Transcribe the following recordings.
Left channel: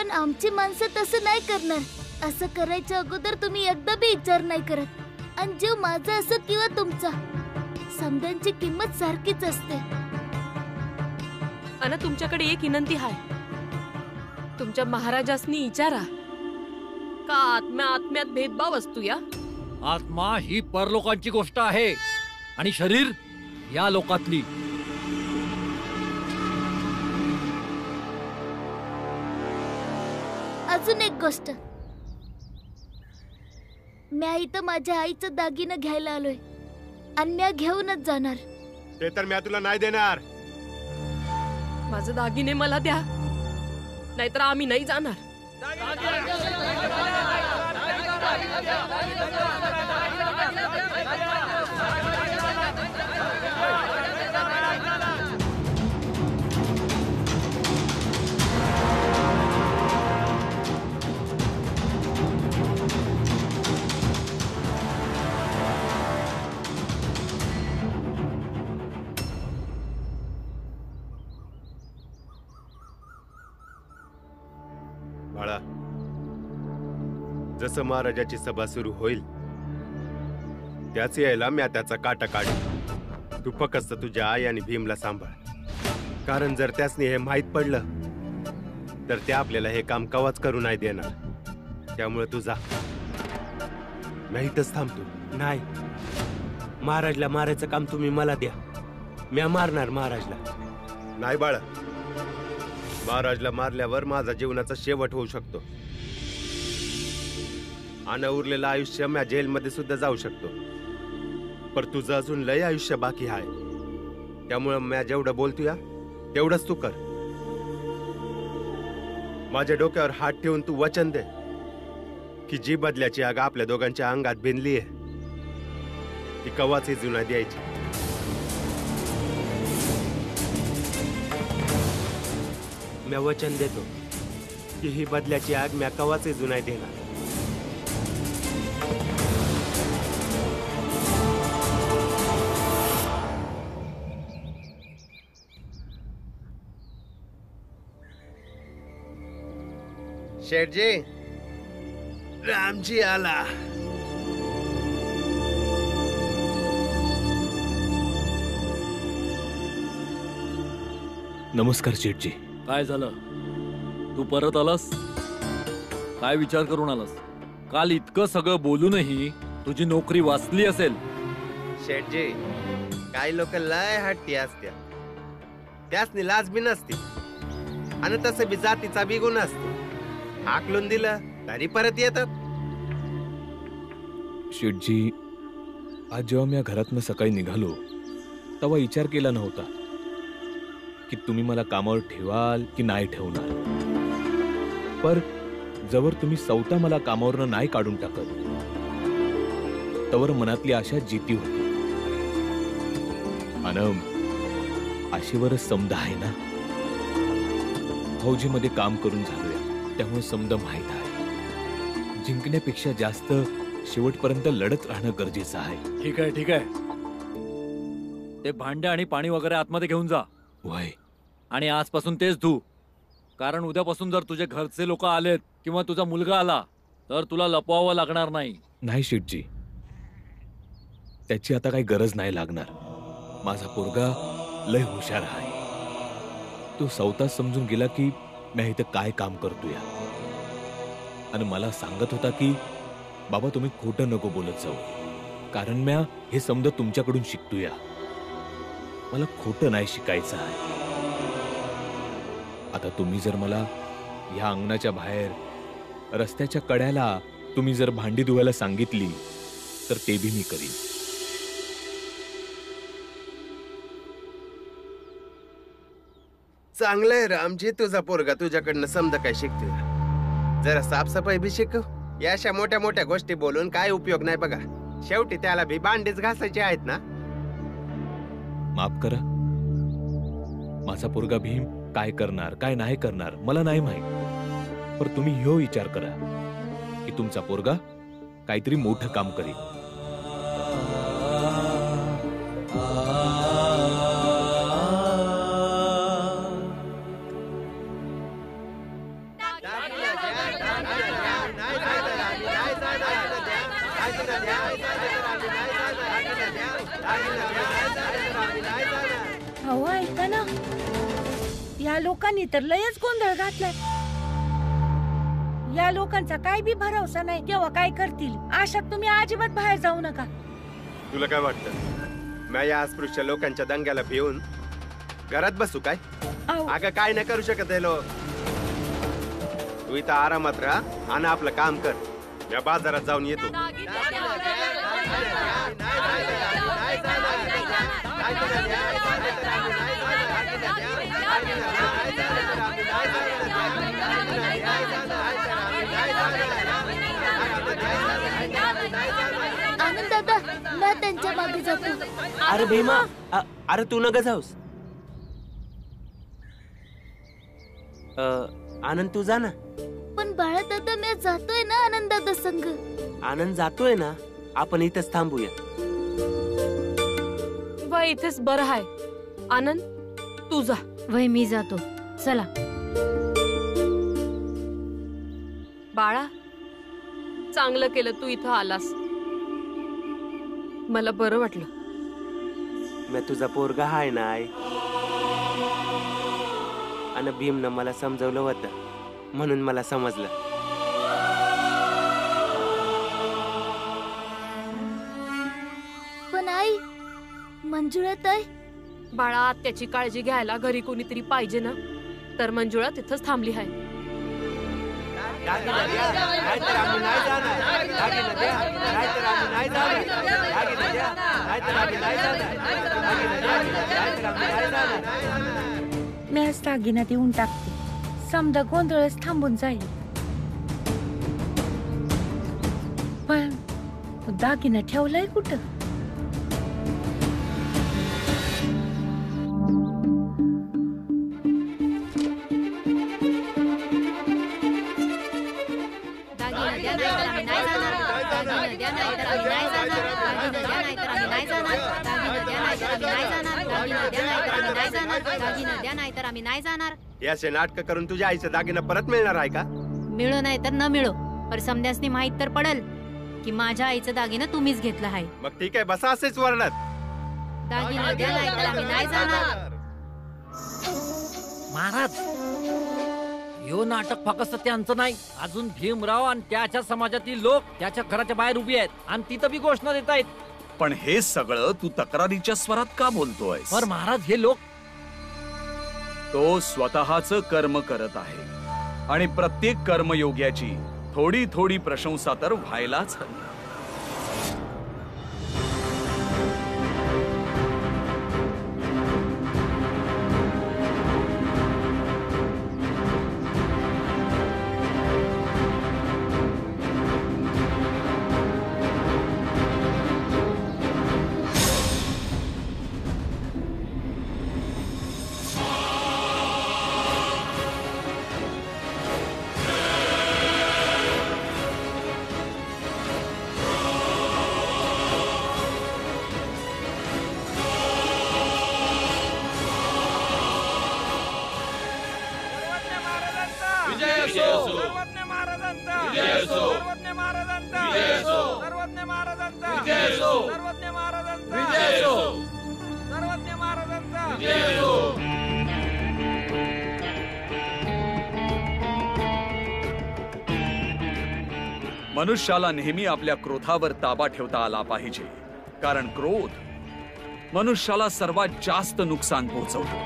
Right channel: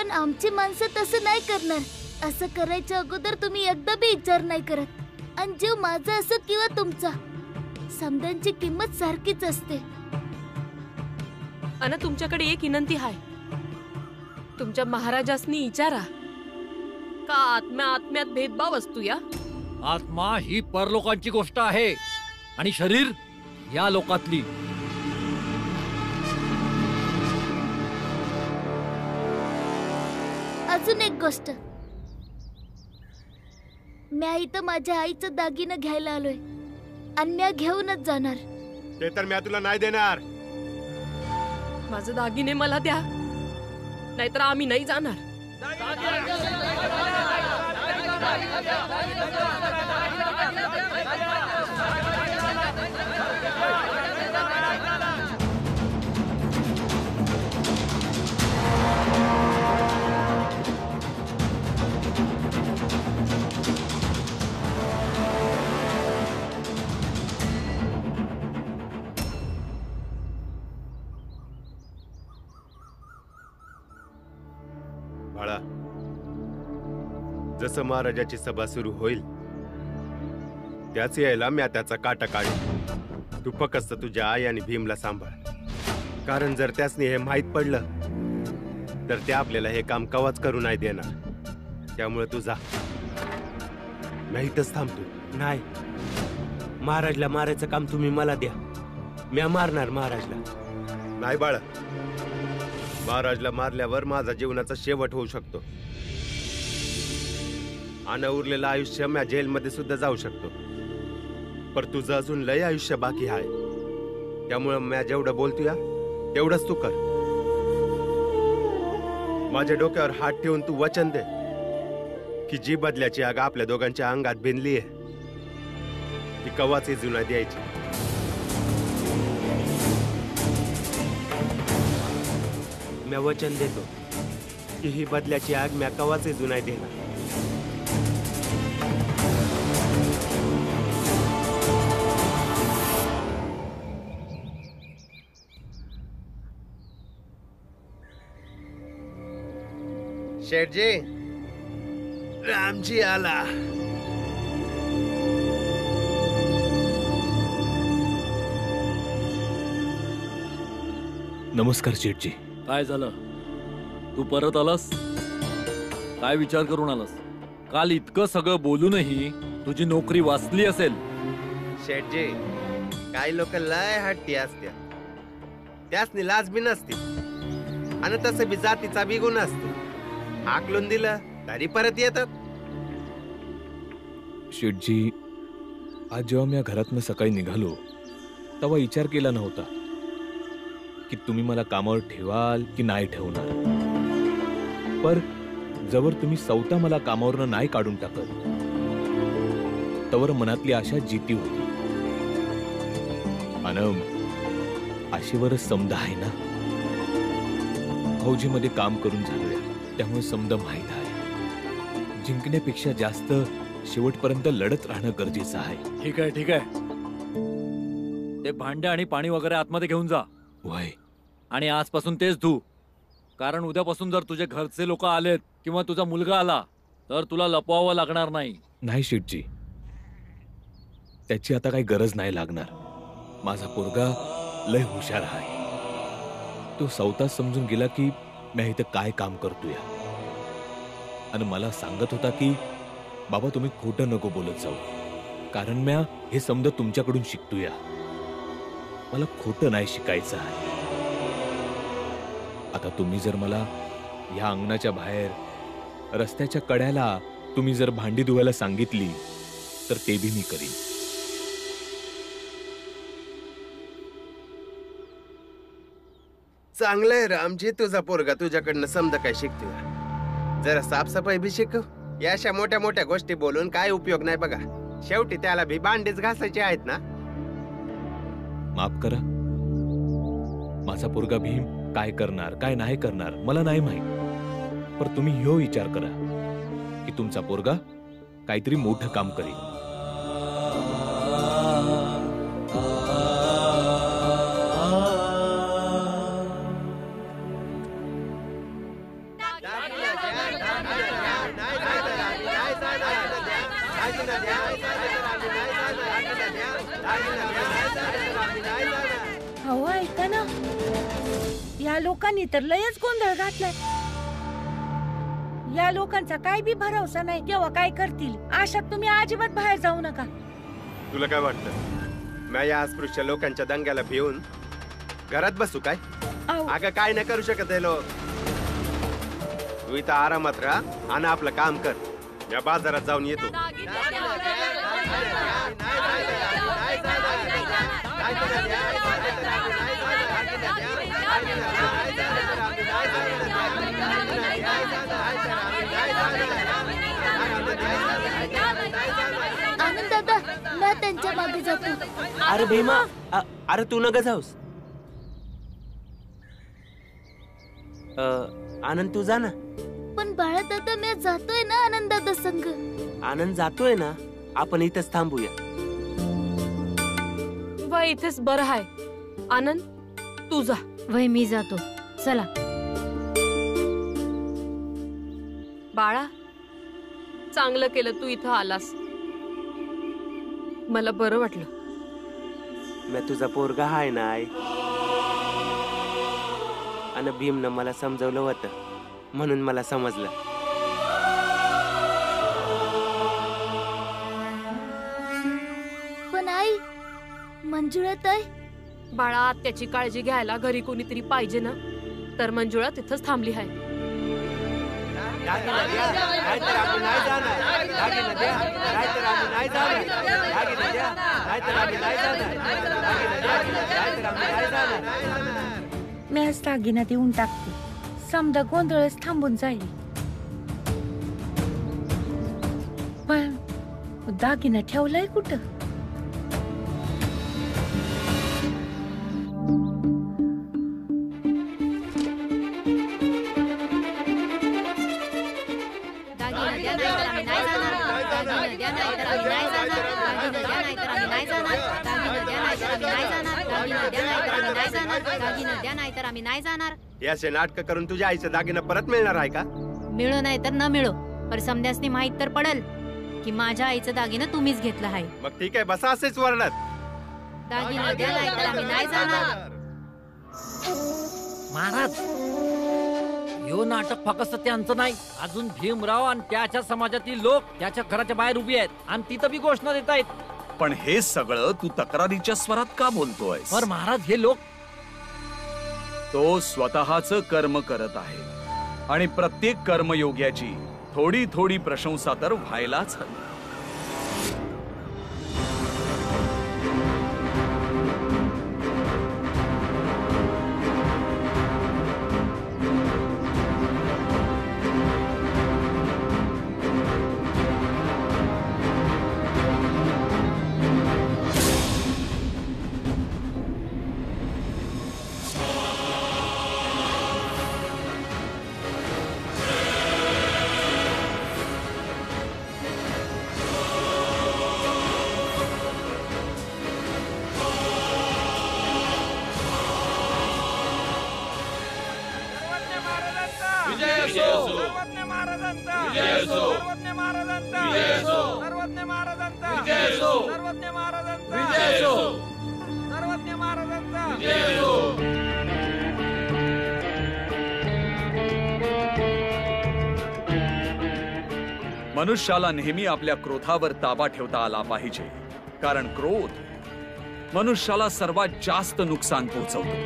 पण आमची माणसं तसं नाही करणार. असं करायच्या अगोदर तुम्ही एकदा बी विचार नाही करत. आणि जीव माझा असो किंवा तुमचा, समद्यांची किंमत सारखीच असते. अन तुमच्याकडे एक विनंती आहे. तुमच्या महाराजासनी विचारा का आत्म्यात भेदभाव असतो या. आत्मा ही परलोकांची गोष्ट आहे आणि शरीर या लोकातली. अजून एक गोष्ट, म्या इथं माझ्या आईचं दागिनं घ्यायला आलोय आणि म्या घेऊनच जाणार. ते तर म्या तुला नाही देणार. माझं दागिने मला द्या, नाहीतर आम्ही नाही जाणार. बाळा, जसं महाराजाची सभा सुरू होईल त्याच यायला म्या त्याचा काटा काढेन. तू फक्त तुझ्या आई आणि भीमला सांभाळ, कारण जर त्यासनी हे माहीत पडलं तर ते आपल्याला हे काम कवाच करू नाही देणार. त्यामुळे तू जा, मी इथंच थांबतो. नाही, महाराजला मारायचं काम तुम्ही मला द्या, म्या मारणार महाराजला. नाही बाळा, महाराजला मारल्यावर माझा जीवनाचा शेवट होऊ शकतो आणि उरलेलं आयुष्य म्या जेलमध्ये सुद्धा जाऊ शकतो. पर तुझं अजून लय आयुष्य बाकी आहे. त्यामुळे म्या जेवढं बोलतो या तेवढंच तू कर. माझ्या डोक्यावर हात ठेवून तू वचन दे की जी बदल्याची आग आपल्या दोघांच्या अंगात भिनली आहे ती कवाच जुना द्यायची. म्या वचन देतो की ही बदल्याची आग म्या कवाच जुनाय देणार. शेठजी, रामजी आला. नमस्कार शेठजी. काय झालं? तू परत आलास? काय विचार करून आलास? काल इतकं सगळं बोलूनही तुझी नोकरी वाचली असेल. शेठजी, काही लोक लय हट्टी असत्या, त्यासनी लाज बी नसती आणि तसं बी जातीचा बी गुण असतो. हाकलून दिलं तरी परत येतात. शेठजी, आज जेव्हा मी घरातनं सकाळी निघालो तेव्हा विचार केला नव्हता की तुम्ही मला कामावर ठेवाल की नाही ठेवणार. पर जवळ तुम्ही स्वतः मला कामावरनं नाही काढून टाकत तवर मनातली आशा जिती होती. अनम आशेवरच समद आहे ना. फौजीमध्ये काम करून झालोय, त्यामुळे समद माहित आहे जिंकण्यापेक्षा जास्त शेवटपर्यंत लढत राहणं गरजेचं आहे. ठीक आहे, ठीक आहे. ते भांडे आणि पाणी वगैरे आतमध्ये घेऊन जा. वय, आणि आजपासून तेच धू, कारण उद्यापासून जर तुझे घरचे लोक आलेत किंवा तुझा मुलगा आला तर तुला लपवावं लागणार नाही. नाही शेठजी, त्याची आता काही गरज नाही लागणार. माझा पोरगा लय हुशार आहे. तो स्वतः समजून गेला की मी इथं काय काम करतोय आणि मला सांगत होता की बाबा तुम्ही खोटं नको बोलत जाऊ, कारण म्या हे समज तुमच्याकडून शिकतोय. मला खोटं नाही शिकायचं आहे. आता तुम्ही जर मला या अंगणाच्या बाहेर रस्त्याच्या कड्याला तुम्ही जर भांडी धुवायला सांगितली तर ते बी मी करीन. चांगलंय रामजी, तुझा पोरगा तुझ्याकडनं समजा काय शिकतोय. जरा साफसफाई बी शिकव. या अशा मोठ्या मोठ्या गोष्टी बोलून काय उपयोग नाही बघा. शेवटी त्याला भी भांडीच घासायचे आहेत ना. माफ करा, माझा पोरगा भीम काय करणार काय नाही करणार मला नाही माहित. पर तुम्ही ह्यो विचार करा की तुमचा पोरगा काहीतरी मोठं काम करेल. अहो ऐका ना, या लोकांनी तर लयच गोंधळ घातलाय. या लोकांचा काय बी भरवसा नाही, केव्हा काय करतील. अशात तुम्ही अजिबात बाहेर जाऊ नका. तुला काय वाटतं, मी या अस्पृश्य लोकांच्या दंग्याला भिवून घरात बसू काय? अहो, अगं काय नाही करू शकत हे लोक. तू इथं आरामात राहा आणि आपलं काम कर. मी बाजारात जाऊन येतो. आनंद दादा, मी त्यांच्या मागे जातो. अरे भीमा, अरे तू नका जाऊस. आनंद तू जा ना. पण बाळा दादा, मी जातोय ना आनंद दादा संग. आनंद जातोय ना, आपण इथंच थांबूया. व इथेच बरं आहे. आनंद तू जा. वय मी जातो. चला. बाळा, चांगलं केलं तू इथं आलास. मला बरं वाटलं. मी तुझा पोरगा हाय ना आई. आणि भीमनं मला समजवलं होतं, म्हणून मला समजलं. पण आई, मंजुळा ताई. बाळा, त्याची काळजी घ्यायला घरी कोणीतरी पाहिजे ना, तर मंजुळा तिथंच थांबली आहे. मी आज दागिना देऊन टाकते. समजा गोंधळच थांबून जाईल. पण दागिना ठेवलाय कुठं? याचे नाटक करून तुझ्या आईचं दागिना परत मिळणार आहे का? मिळो नाही तर न मिळो, पर समध्यासनी माहित तर पडल की माझ्या आईचं दागिनं तुम्हीच घेतलं आहे. मग ठीक आहे, बसा असेच वर्णत. दागिना द्या नाही तर आम्ही नाही जाणार. महाराज, यो नाटक फक्त त्यांचं नाही, अजून भीमराव आणि त्याच्या समाजातील लोक त्याच्या घराच्या बाहेर उभी आहेत आणि तिथं बी घोषणा देत आहेत. पण हे सगळं तू तक्रारीच्या स्वरात का बोलतोय? पर महाराज, हे लोक तो स्वतःच कर्म करत आहे आणि प्रत्येक कर्मयोग्याची थोडी थोडी प्रशंसा तर व्हायलाच हवी. मनुष्याला नेहमी आपल्या क्रोधावर ताबा ठेवता आला पाहिजे, कारण क्रोध मनुष्याला सर्वात जास्त नुकसान पोहोचवतो.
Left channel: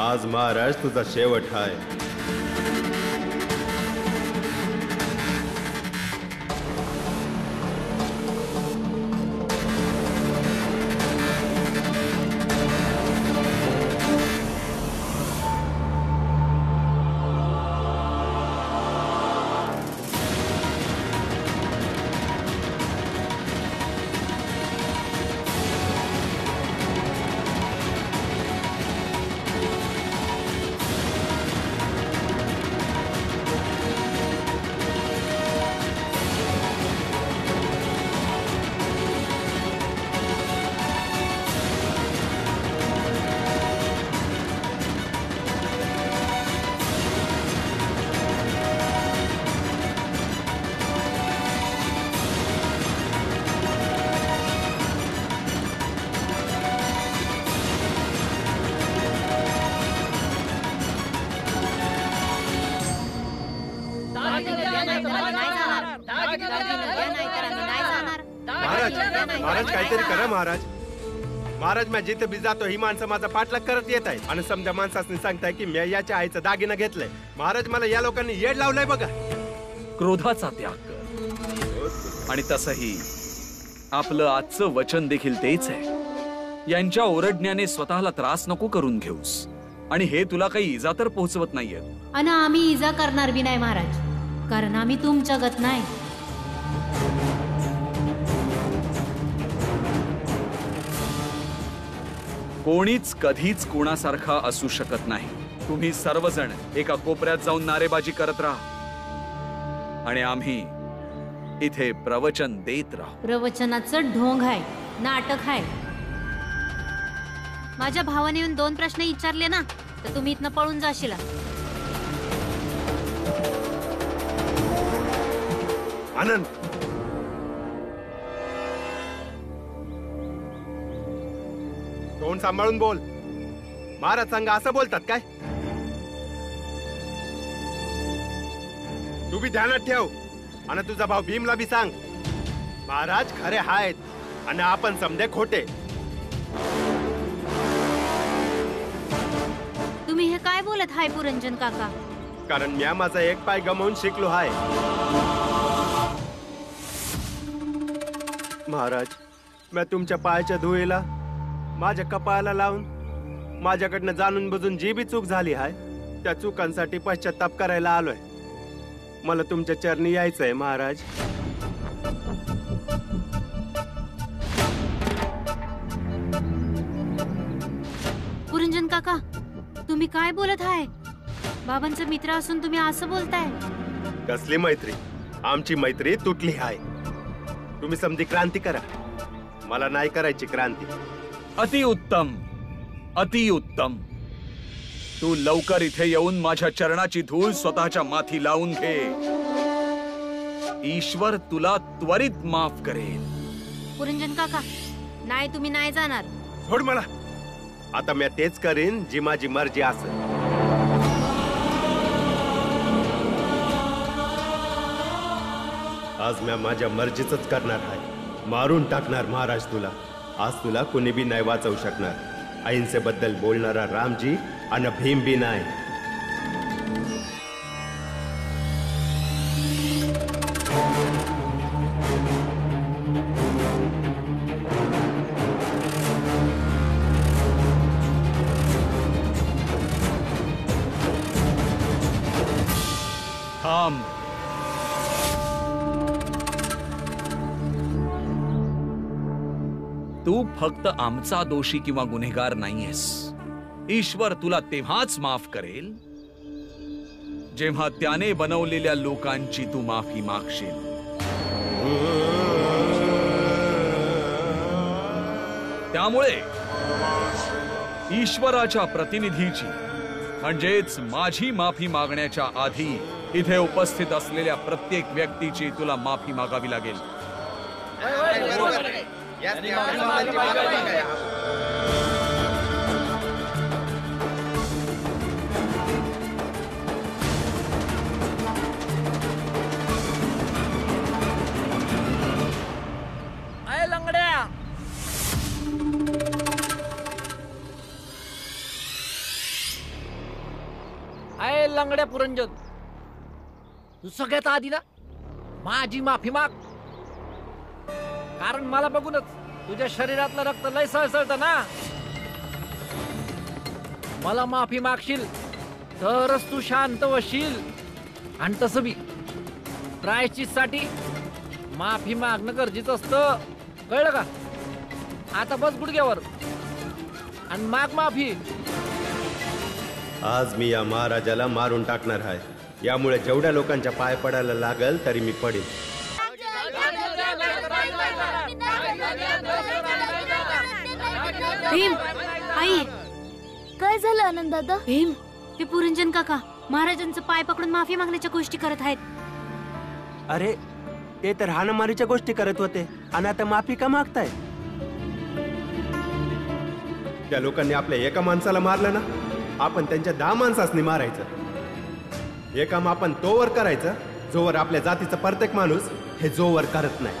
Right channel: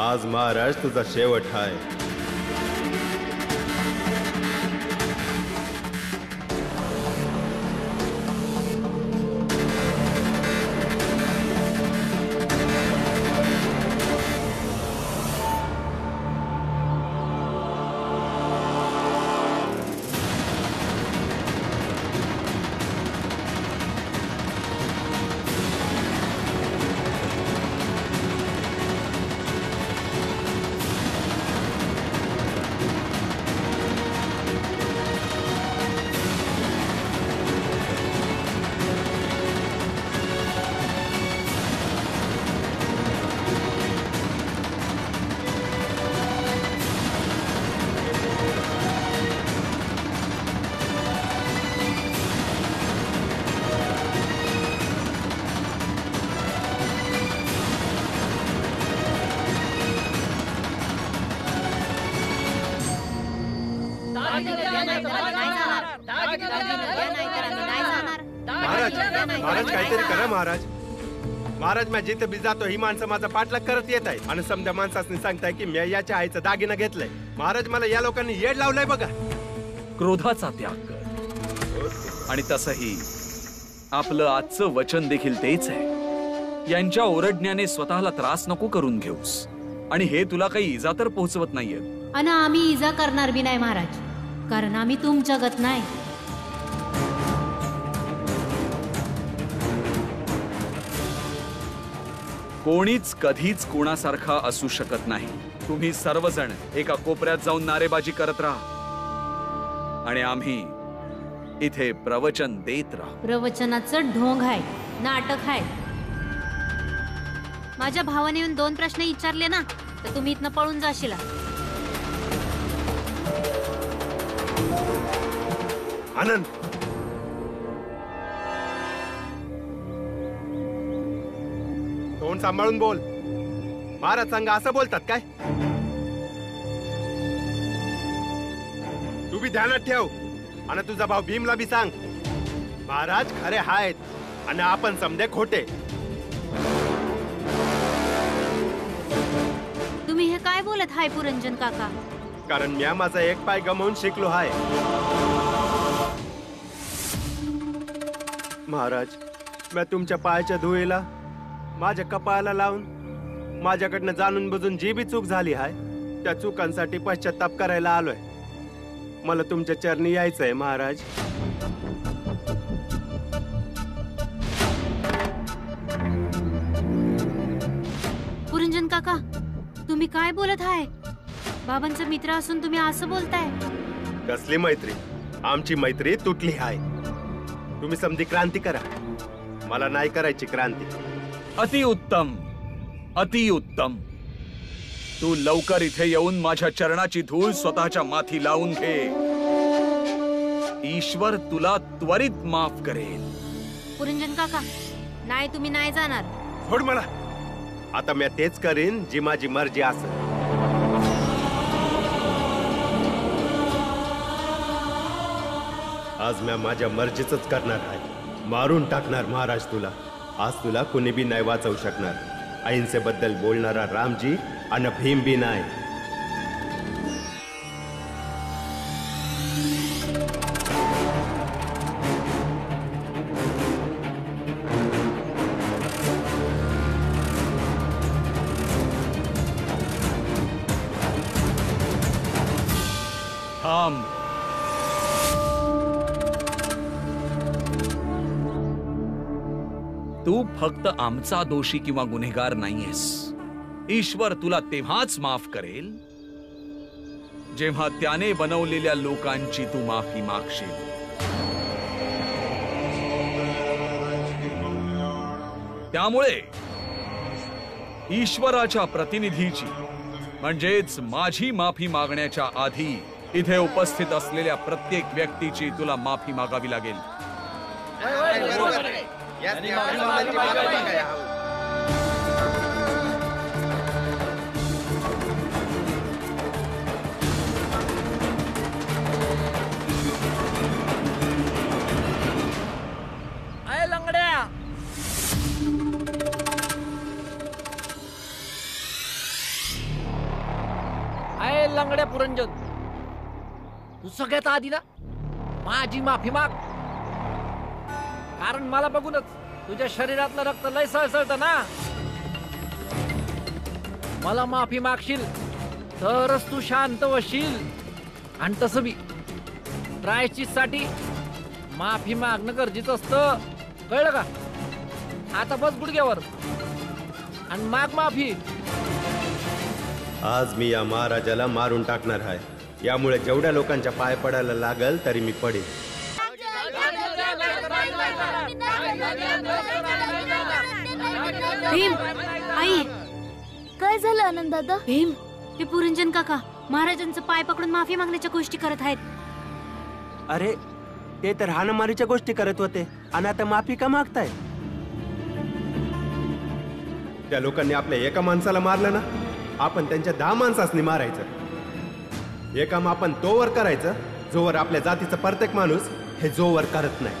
आज महाराज तुझा शेवट हाय. महाराज काहीतरी करा महाराज. महाराज मी जिथे बी जातो ही माणसं माझा पाठलाग करत येत आहेत आणि समजा माणसाने सांगताय की मी याच्या आईचं दागिना घेतलंय. महाराज मला या लोकांनी येड लावलंय बघा. क्रोधाचा त्याग कर. आणि तसंही आपलं आजचं वचन देखील तेच आहे. यांच्या ओरडण्याने स्वतःला त्रास नको करून घेऊस. आणि हे तुला काही इजा तर पोहोचवत नाहीये. आणि आम्ही इजा करणार बी नाही महाराज, कारण आम्ही तुमच्या गत नाही. कोणीच कधीच कोणासारखा असू शकत नाही. तुम्ही सर्वजण एका कोपऱ्यात जाऊन नारेबाजी करत राहा आणि आम्ही इथे प्रवचन देत राहू. प्रवचनाचं ढोंग आहे, नाटक आहे. माझ्या भावाने येऊन 2 प्रश्न विचारले ना तर तुम्ही इथनं पळून जाशील. आनंद, तोंड सांभाळून बोल. महाराज सांगा असं बोलतात काय? तू बी ध्यानात ठेव आणि तुझा भाऊ भीमला बी सांग. महाराज खरे आहेत आणि आपण समजे खोटे. तुम्ही हे काय बोलत हाय पुरंजन काका? कारण मी माझा एक पाय गमावून शिकलो आहे. महाराज, मी तुमच्या पायाच्या धुळीला माझ्या कपाळाला लावून माझ्याकडनं जाणून बुजून जी बी चूक झाली आहे त्या चुकांसाठी पश्चाताप करायला आलोय. मला तुमच्या चरणी यायचंय महाराज. पुरंजन काका, तुम्ही काय बोलत आहे? बाबांचा मित्र असून तुम्ही असं बोलताय? कसली मैत्री? आमची मैत्री तुटली आहे. तुम्ही समधी क्रांती करा, मला नाही करायची क्रांती. अतिउत्तम, अतिउत्तम. तू लवकर इथे येऊन माझ्या चरणाची धूळ स्वतःच्या माथी लावून घे. ईश्वर तुला त्वरित माफ करेल. पुरंजन काका, नाही तुम्ही नाही जाणार. सोड मला. आता मी तेच करीन जी माझी मर्जी असेल. आज मी माझ्या मर्जीच करणार आहे. मारून टाकणार महाराज तुला. आज तुला कुणी बी नाही वाचवू शकणार. अहिंसेबद्दल बोलणारा रामजी आणि भीम बी नाही. थांब. तू फक्त आमचा दोषी किंवा गुन्हेगार नाहीयेस. ईश्वर तुला तेव्हाच माफ करेल जेव्हा त्याने बनवलेल्या लोकांची तू माफी मागशील. त्यामुळे ईश्वराच्या प्रतिनिधीची म्हणजेच माझी माफी मागण्याच्या आधी इथे उपस्थित असलेल्या प्रत्येक व्यक्तीची तुला माफी मागावी लागेल. लंगड्या, आय लंगड्या पुरंजन, तू सगळ्यात आधी ना माझी माफी माग. कारण मला बघूनच तुझ्या शरीरातलं रक्त लय सळसळत ना. मला माफी मागशील तरच तू शांत होशील. आणि तसं बी प्रायश्चित्तासाठी माफी मागणं गरजेचं असतं, कळलं का? आता बस गुडघ्यावर आणि माग माफी. आज मी या महाराजाला मारून टाकणार आहे. यामुळे जेवढ्या लोकांच्या पाय पडायला लागल तरी मी पडेल. भीम, आई, काय झालं आनंद दादा? भीम, ते पुरंजन काका महाराजांचं पाय पकडून माफी मागण्याच्या गोष्टी करत आहेत. अरे, ते तर हाणामारीच्या गोष्टी करत होते आणि आता माफी का मागताय? त्या लोकांनी आपल्या एका माणसाला मारलं ना, आपण त्यांच्या 10 माणसांनी मारायचं. हे काम आपण तोवर करायचं जोवर आपल्या जातीचा प्रत्येक माणूस हे जोवर करत नाही.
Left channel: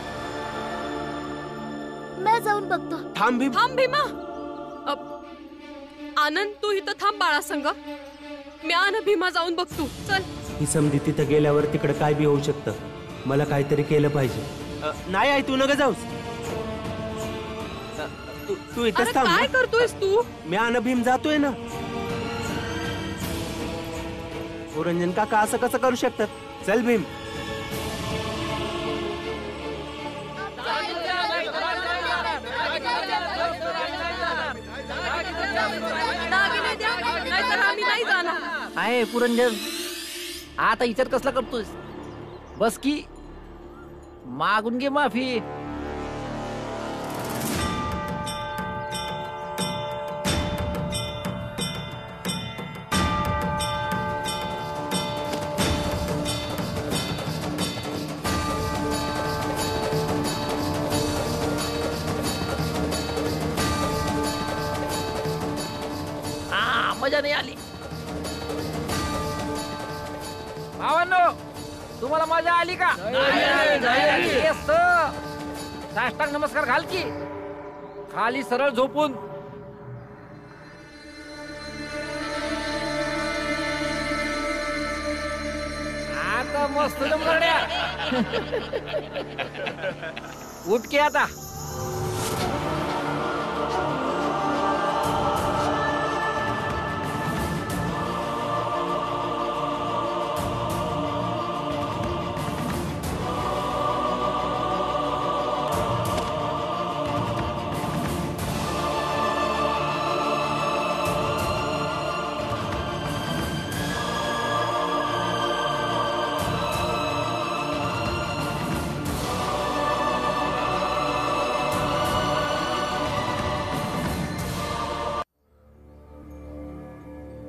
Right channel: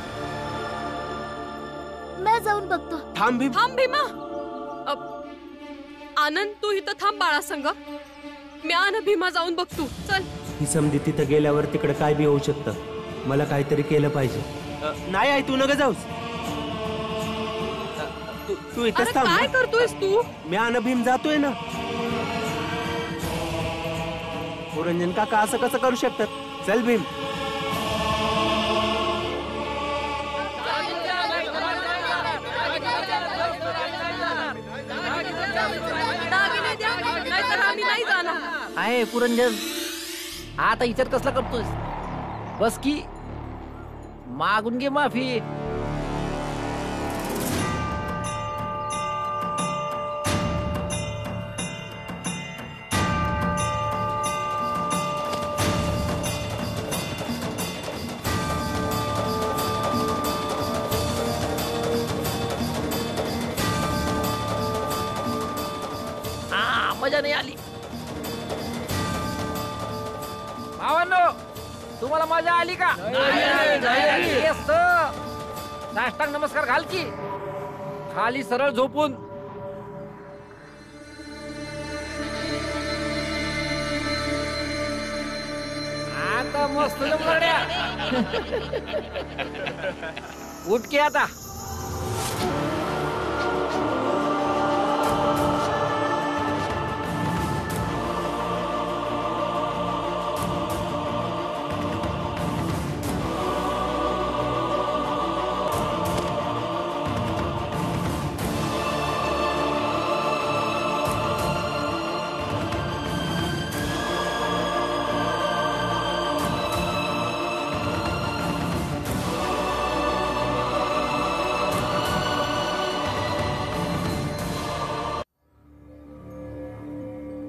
मी जाऊन बघतो. थांब भीम. थांब भीमा. आनंद तू इथं थांब बाळा संग. मी आणि भीमा जाऊन बघतो. चल. ही समधी तिथं गेल्यावर तिकडे काय बी होऊ शकतं. मला काहीतरी केलं पाहिजे. नाही आई, तू नका जाऊस. तू अरे इथंच थांब. काय करतोयस तू? मी आणि भीम जातोय ना. पुरंजन काका असं कसं करू शकतात? चल भीम. दागिने द्या, नाहीतर आम्ही नाही जाणार. आहे पुरंजन, आता विचार कसला करतोस? बस की मागून घे माफी. मजा नाही आली. भावांनो, तुम्हाला मजा आली का? येस. साष्टांग नमस्कार घाल की. खाली सरळ झोपून. आता मस्त जमल्या. उठ की आता.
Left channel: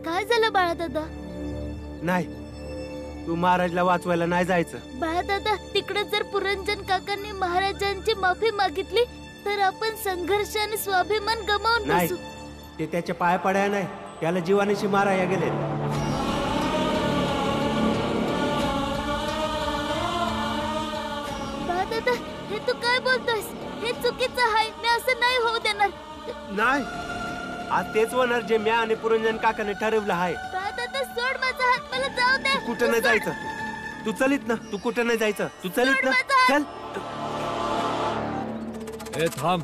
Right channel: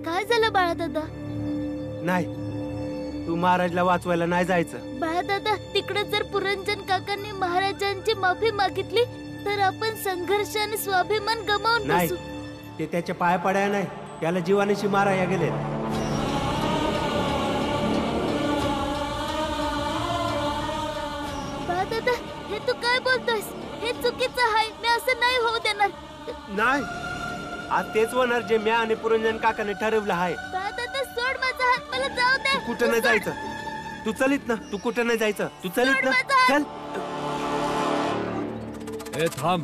काय झालं बाळा दादा? नाही, तू महाराजला वाचवायला नाही जायचं. बाळा दादा, तिकडे जर पुरंजन काकांनी महाराजांची माफी मागितली तर आपण संघर्ष आणि स्वाभिमान गमावून नाही, बसू. ते त्याच्या पाया पडाया नाही, त्याला जीवानीशी माराया गेलेत. बाळा दादा, हे तू काय बोलतोयस? हे चुकीचं आहे. मी असं नाही होऊ देणार. नाही, आज तेच होणार जे म्या आणि पुरंजन काकाने ठरवलं आहे. बाळा दादा, सोड माझा हात. मला जाऊ दे. तू कुठं नाही जायचं. तू चलित ना. तू कुठं नाही जायचं. तू चलित ना. चल. ए थांब.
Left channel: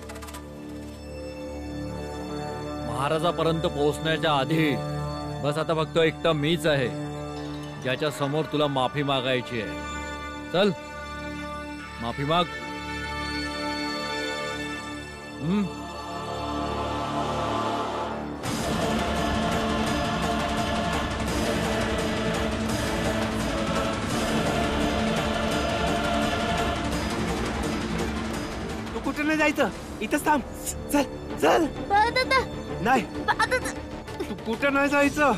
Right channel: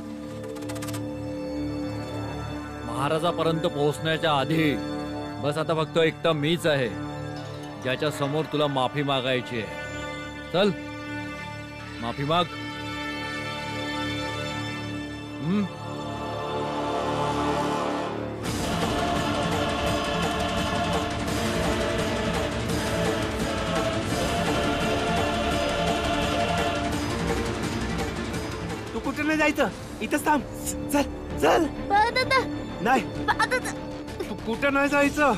महाराजापर्यंत पोहोचण्याच्या आधी बस आता फक्त एकटा मीच आहे ज्याच्या समोर तुला माफी मागायची आहे. चल, माफी माग. तू कुठं नाही जायचं. इथंच थांब. चल चल. बाळा दादा. नाही, बाळा दादा. तू कुठं नाही जायचं.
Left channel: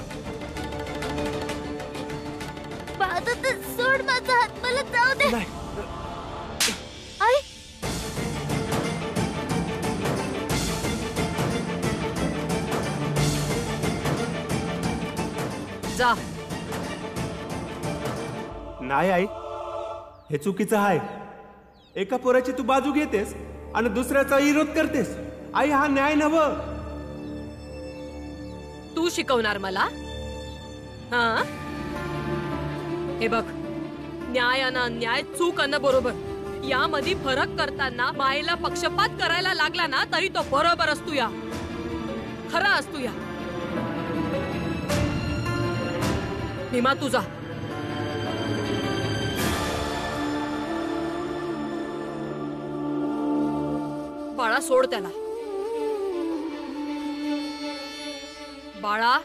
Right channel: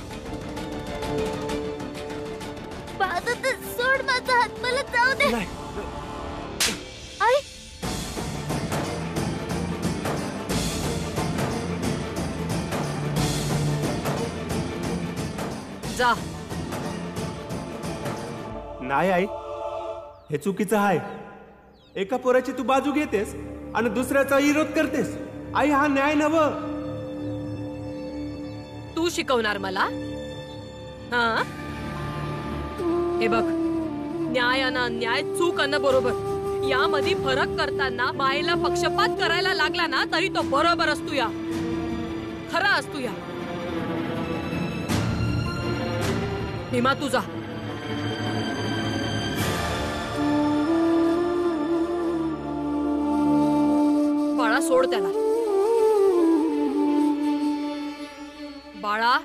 बाळा दादा, सोड माझा हात. मला जाऊ दे. नाही. आई. जा. नाही आई, हे चुकीचं आहे. एका पोराची तू बाजू घेतेस आणि दुसऱ्याचा विरोध करतेस. आई, हा न्याय नव्ह. तू शिकवणार मला? हा, हे बघ, न्याय आणि अन्याय, चूक आणि बरोबर यामध्ये फरक करताना मायेला पक्षपात करायला लागला ना तरी तो बरोबर असतो या, खरा असतो या. भीमा, तू जा. बाळा, सोड त्याला. बाळा,